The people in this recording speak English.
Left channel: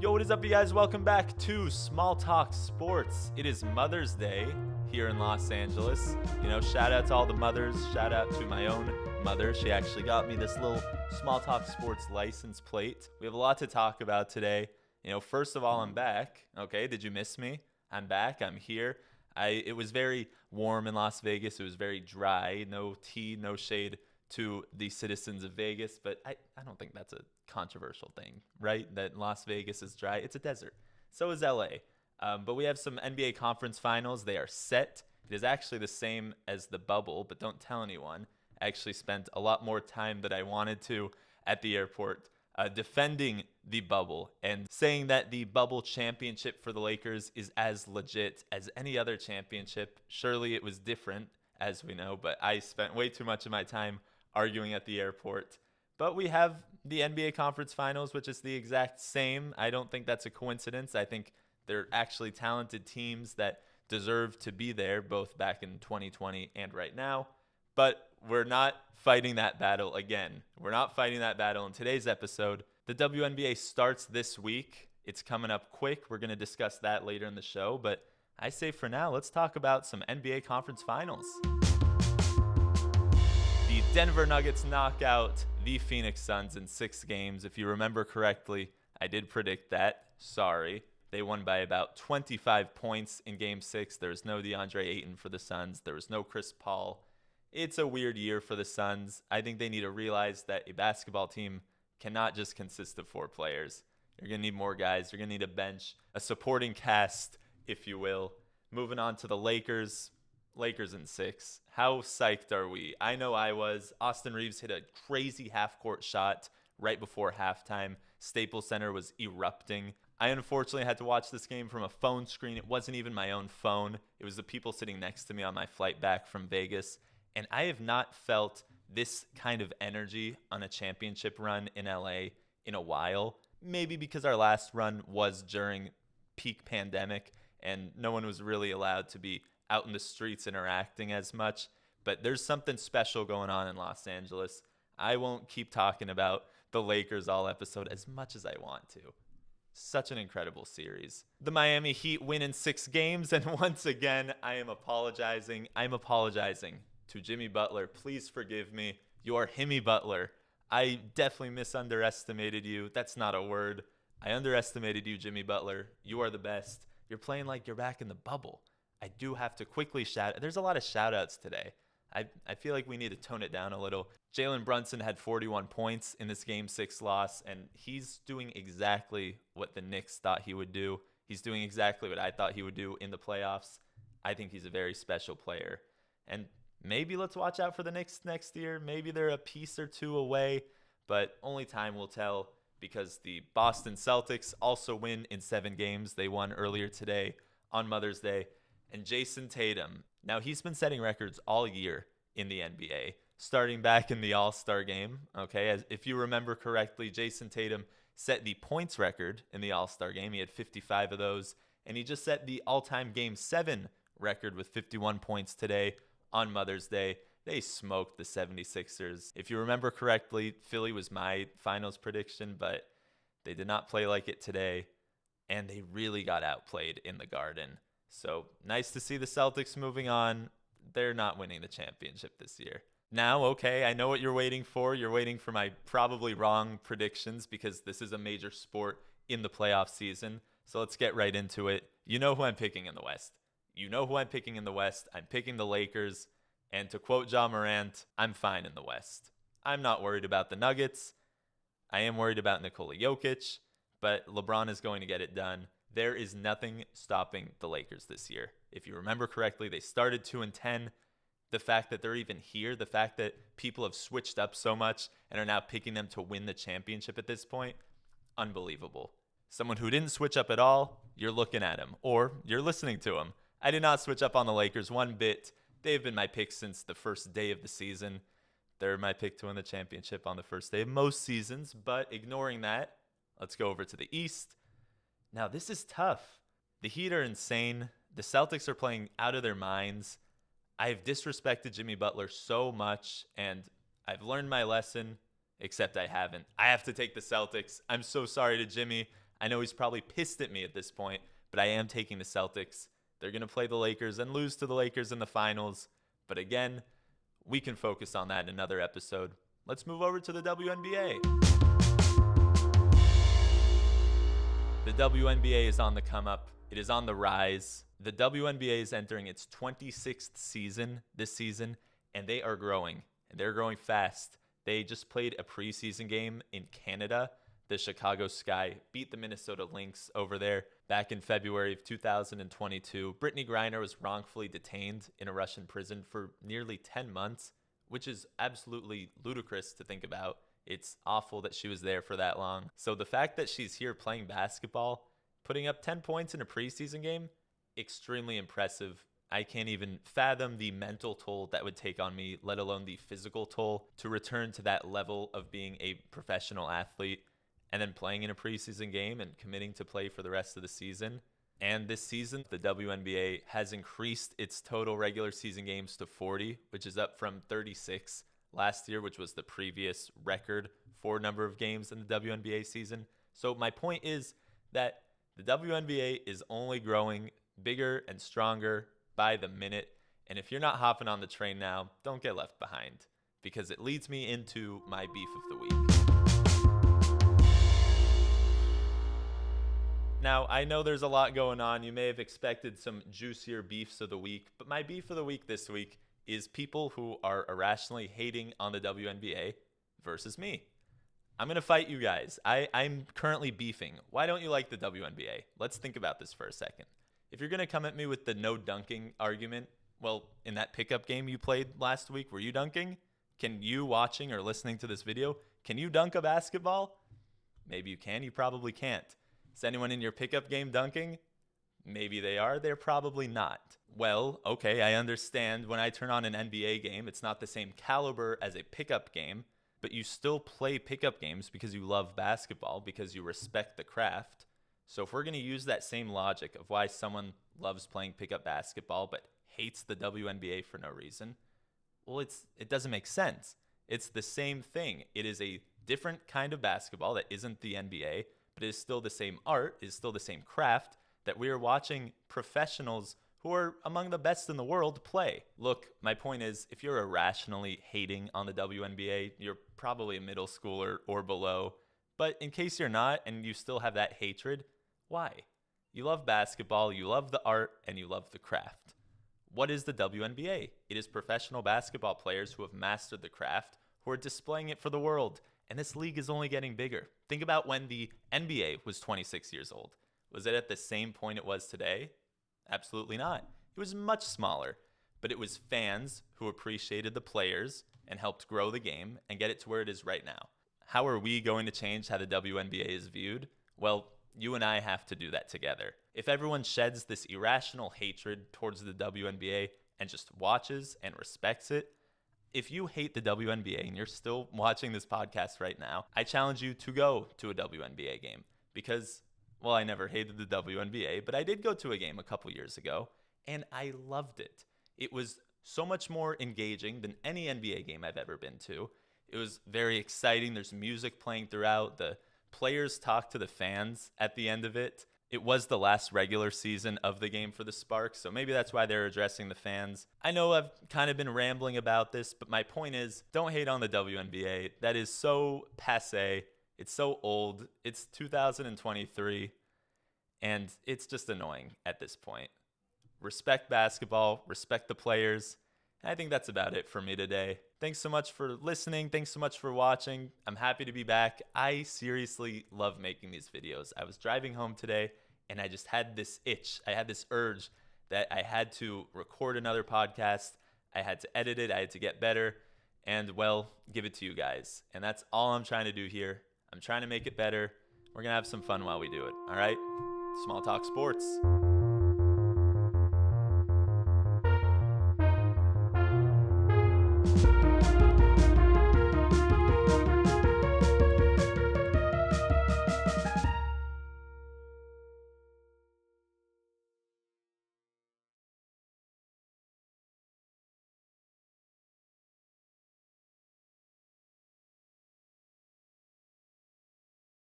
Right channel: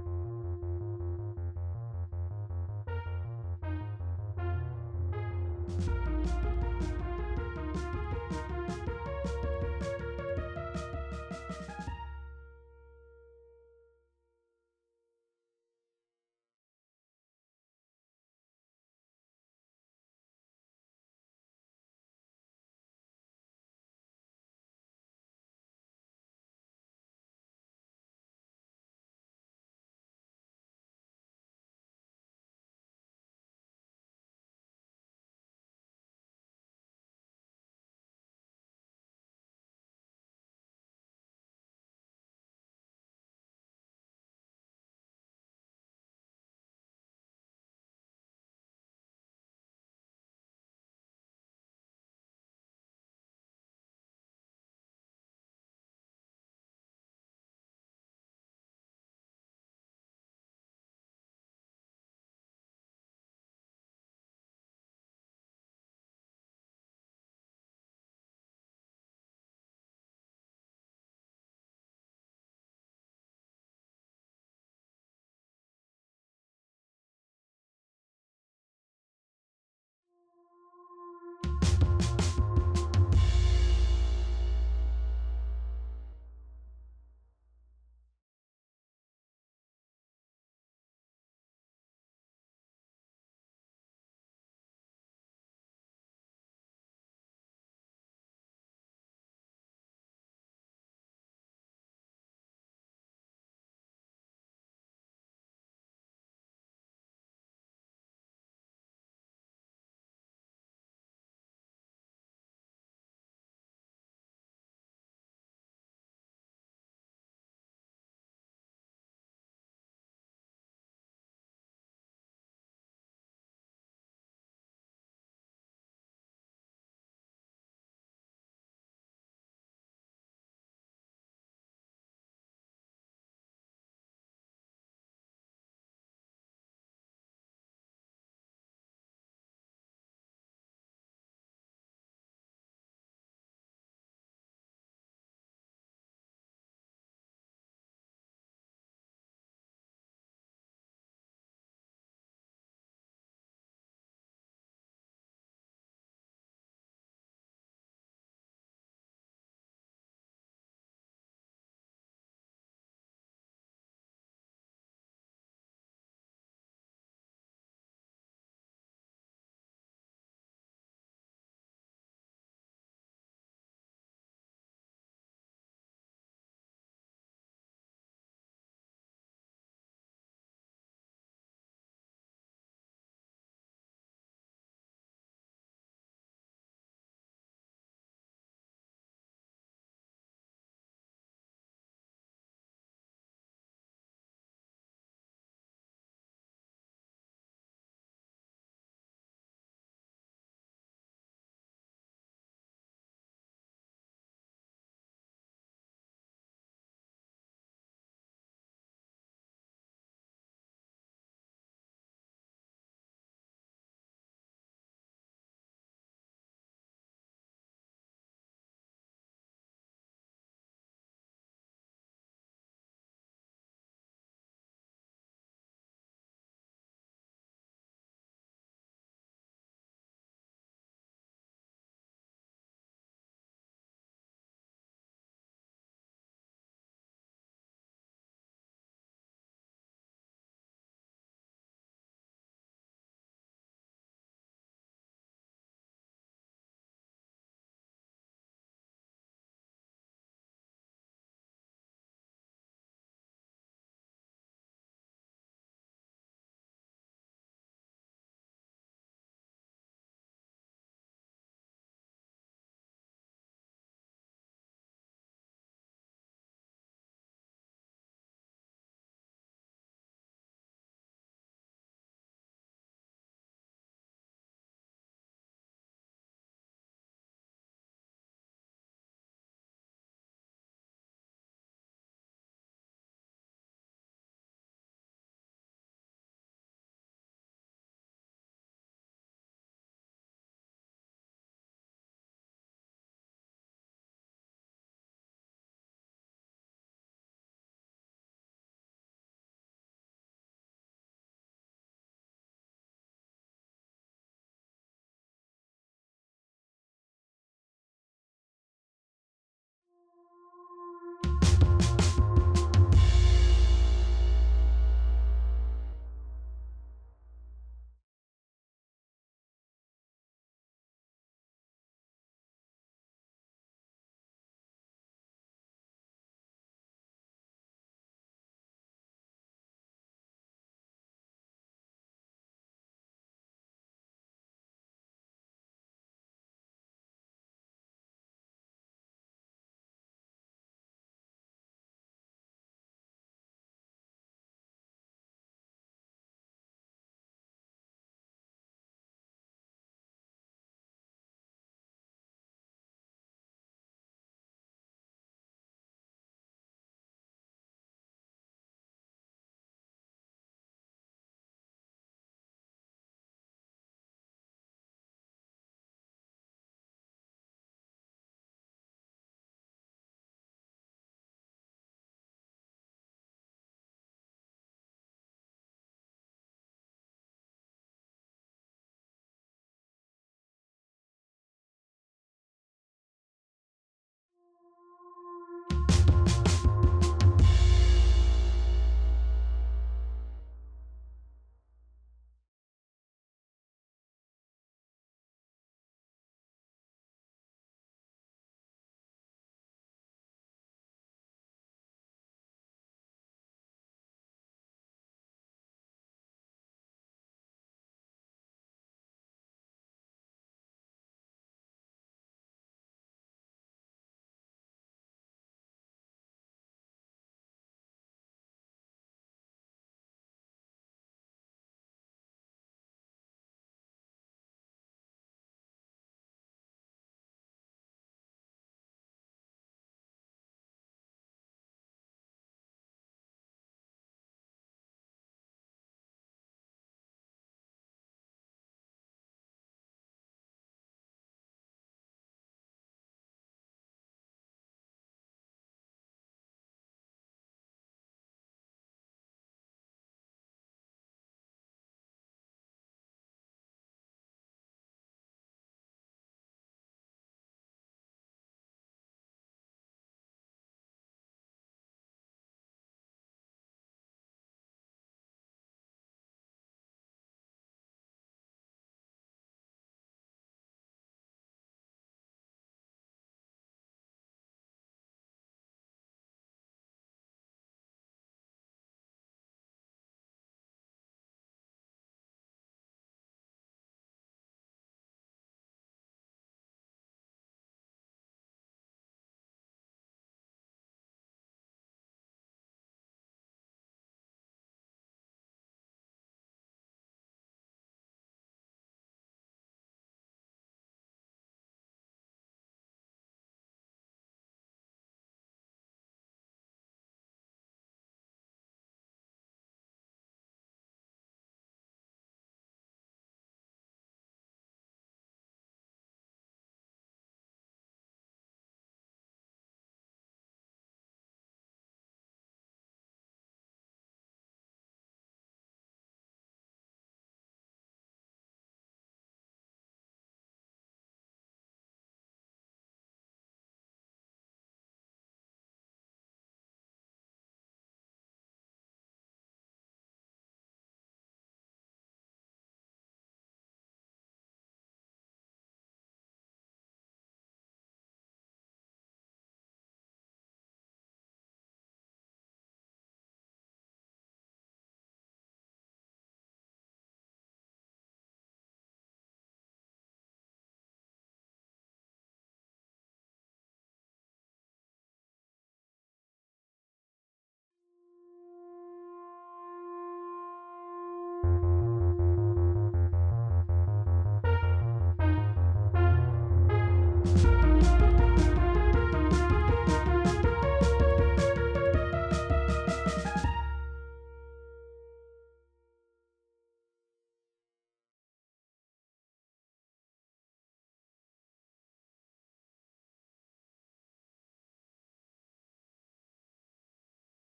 Yo, what is up, you guys? Welcome back to Small Talk Sports. It is Mother's Day here in Los Angeles. Shout out to all the mothers. Shout out to my own mother. She actually got me this little Small Talk Sports license plate. We have a lot to talk about today. First of all, I'm back. Okay, did you miss me? I'm back. I'm here. It was very warm in Las Vegas. It was very dry. No tea, no shade to the citizens of Vegas, but I don't think that's a controversial thing, right? That Las Vegas is dry. It's a desert. So is LA. But we have some NBA conference finals. They are set. It is actually the same as the bubble, but don't tell anyone. I actually spent a lot more time than I wanted to at the airport defending the bubble and saying that the bubble championship for the Lakers is as legit as any other championship. Surely it was different, as we know, but I spent way too much of my time arguing at the airport. But we have the NBA Conference Finals, which is the exact same. I don't think that's a coincidence. I think they're actually talented teams that deserve to be there, both back in 2020 and right now. But we're not fighting that battle again. We're not fighting that battle in today's episode. The WNBA starts this week. It's coming up quick. We're going to discuss that later in the show. But I say for now, let's talk about some NBA Conference Finals. The Denver Nuggets knock out the Phoenix Suns in 6 games. If you remember correctly, I did predict that. Sorry. They won by about 25 points in Game 6. There was no DeAndre Ayton for the Suns. There was no Chris Paul. It's a weird year for the Suns. I think they need to realize that a basketball team cannot just consist of 4 players. You're going to need more guys. You're going to need a bench, a supporting cast, if you will. Moving on to the Lakers. Lakers in 6. How psyched are we? I know I was. Austin Reeves hit a crazy half-court shot right before halftime. Staples Center was erupting. I unfortunately had to watch this game from a phone screen. It wasn't even my own phone. It was the people sitting next to me on my flight back from Vegas. And I have not felt this kind of energy on a championship run in LA in a while. Maybe because our last run was during peak pandemic and no one was really allowed to be out in the streets interacting as much. But there's something special going on in Los Angeles. I won't keep talking about the Lakers all episode as much as I want to. Such an incredible series. The Miami Heat win in 6 games, and once again, I am apologizing. I'm apologizing to Jimmy Butler. Please forgive me. You are Himmy Butler. I definitely misunderestimated you. That's not a word. I underestimated you, Jimmy Butler. You are the best. You're playing like you're back in the bubble. I do have to quickly shout. There's a lot of shout outs today. I feel like we need to tone it down a little. Jalen Brunson had 41 points in this Game 6 loss, and he's doing exactly what the Knicks thought he would do. He's doing exactly what I thought he would do in the playoffs. I think he's a very special player. And maybe let's watch out for the Knicks next year. Maybe they're a piece or 2 away, but only time will tell because the Boston Celtics also win in 7 games. They won earlier today on Mother's Day. And Jason Tatum, now he's been setting records all year in the NBA, starting back in the All-Star game. Okay, if you remember correctly, Jason Tatum set the points record in the All-Star game. He had 55 of those, and he just set the all-time Game 7 record with 51 points today on Mother's Day. They smoked the 76ers. If you remember correctly, Philly was my finals prediction, but they did not play like it today, and they really got outplayed in the Garden. So nice to see the Celtics moving on. They're not winning the championship this year. Now, okay, I know what you're waiting for. You're waiting for my probably wrong predictions because this is a major sport in the playoff season. So let's get right into it. You know who I'm picking in the West. I'm picking the Lakers. And to quote Ja Morant, I'm fine in the West. I'm not worried about the Nuggets. I am worried about Nikola Jokic, but LeBron is going to get it done. There is nothing stopping the Lakers this year. If you remember correctly, they started 2-10. The fact that they're even here, the fact that people have switched up so much and are now picking them to win the championship at this point, unbelievable. Someone who didn't switch up at all, you're looking at him, or you're listening to him. I did not switch up on the Lakers one bit. They've been my pick since the first day of the season. They're my pick to win the championship on the first day of most seasons, but ignoring that, let's go over to the East. Now, this is tough. The Heat are insane. The Celtics are playing out of their minds. I've disrespected Jimmy Butler so much, and I've learned my lesson, except I haven't. I have to take the Celtics. I'm so sorry to Jimmy. I know he's probably pissed at me at this point, but I am taking the Celtics. They're going to play the Lakers and lose to the Lakers in the finals. But again, we can focus on that in another episode. Let's move over to the WNBA. The WNBA is on the come up. It is on the rise. The WNBA is entering its 26th season this season, and they are growing. And they're growing fast. They just played a preseason game in Canada. The Chicago Sky beat the Minnesota Lynx over there back in February of 2022. Brittany Griner was wrongfully detained in a Russian prison for nearly 10 months, which is absolutely ludicrous to think about. It's awful that she was there for that long. So the fact that she's here playing basketball, putting up 10 points in a preseason game, extremely impressive. I can't even fathom the mental toll that would take on me, let alone the physical toll, to return to that level of being a professional athlete and then playing in a preseason game and committing to play for the rest of the season. And this season, the WNBA has increased its total regular season games to 40, which is up from 36 last year, which was the previous record for number of games in the WNBA season. So my point is that the WNBA is only growing bigger and stronger by the minute. And if you're not hopping on the train now, don't get left behind, because it leads me into my beef of the week. Now, I know there's a lot going on. You may have expected some juicier beefs of the week, but my beef of the week this week is people who are irrationally hating on the WNBA versus me. I'm going to fight you guys. I'm currently beefing. Why don't you like the WNBA? Let's think about this for a second. If you're going to come at me with the no dunking argument, well, in that pickup game you played last week, were you dunking? Can you, watching or listening to this video, can you dunk a basketball? Maybe you can, you probably can't. Is anyone in your pickup game dunking? Maybe they are, they're probably not. Well, okay, I understand when I turn on an NBA game, it's not the same caliber as a pickup game, but you still play pickup games because you love basketball, because you respect the craft. So if we're going to use that same logic of why someone loves playing pickup basketball but hates the WNBA for no reason, well, it doesn't make sense. It's the same thing. It is a different kind of basketball that isn't the NBA, but it is still the same art, it is still the same craft that we are watching professionals who are among the best in the world play. Look, my point is, if you're irrationally hating on the WNBA, you're probably a middle schooler or below. But in case you're not and you still have that hatred, why? You love basketball, you love the art, and you love the craft. What is the WNBA? It is professional basketball players who have mastered the craft, who are displaying it for the world. And this league is only getting bigger. Think about when the NBA was 26 years old. Was it at the same point it was today? Absolutely not. It was much smaller, but it was fans who appreciated the players and helped grow the game and get it to where it is right now. How are we going to change how the WNBA is viewed? Well, you and I have to do that together. If everyone sheds this irrational hatred towards the WNBA and just watches and respects it, if you hate the WNBA and you're still watching this podcast right now, I challenge you to go to a WNBA game because, well, I never hated the WNBA, but I did go to a game a couple years ago and I loved it. It was so much more engaging than any NBA game I've ever been to. It was very exciting. There's music playing throughout. The players talk to the fans at the end of it. It was the last regular season of the game for the Sparks, so maybe that's why they're addressing the fans. I know I've kind of been rambling about this, but my point is, don't hate on the WNBA. That is so passé. It's so old. It's 2023, and it's just annoying at this point. Respect basketball, respect the players. I think that's about it for me today. Thanks so much for listening. Thanks so much for watching. I'm happy to be back. I seriously love making these videos. I was driving home today and I just had this itch. I had this urge that I had to record another podcast. I had to edit it. I had to get better and, well, give it to you guys. And that's all I'm trying to do here. I'm trying to make it better. We're going to have some fun while we do it. All right? Small Talk Sports.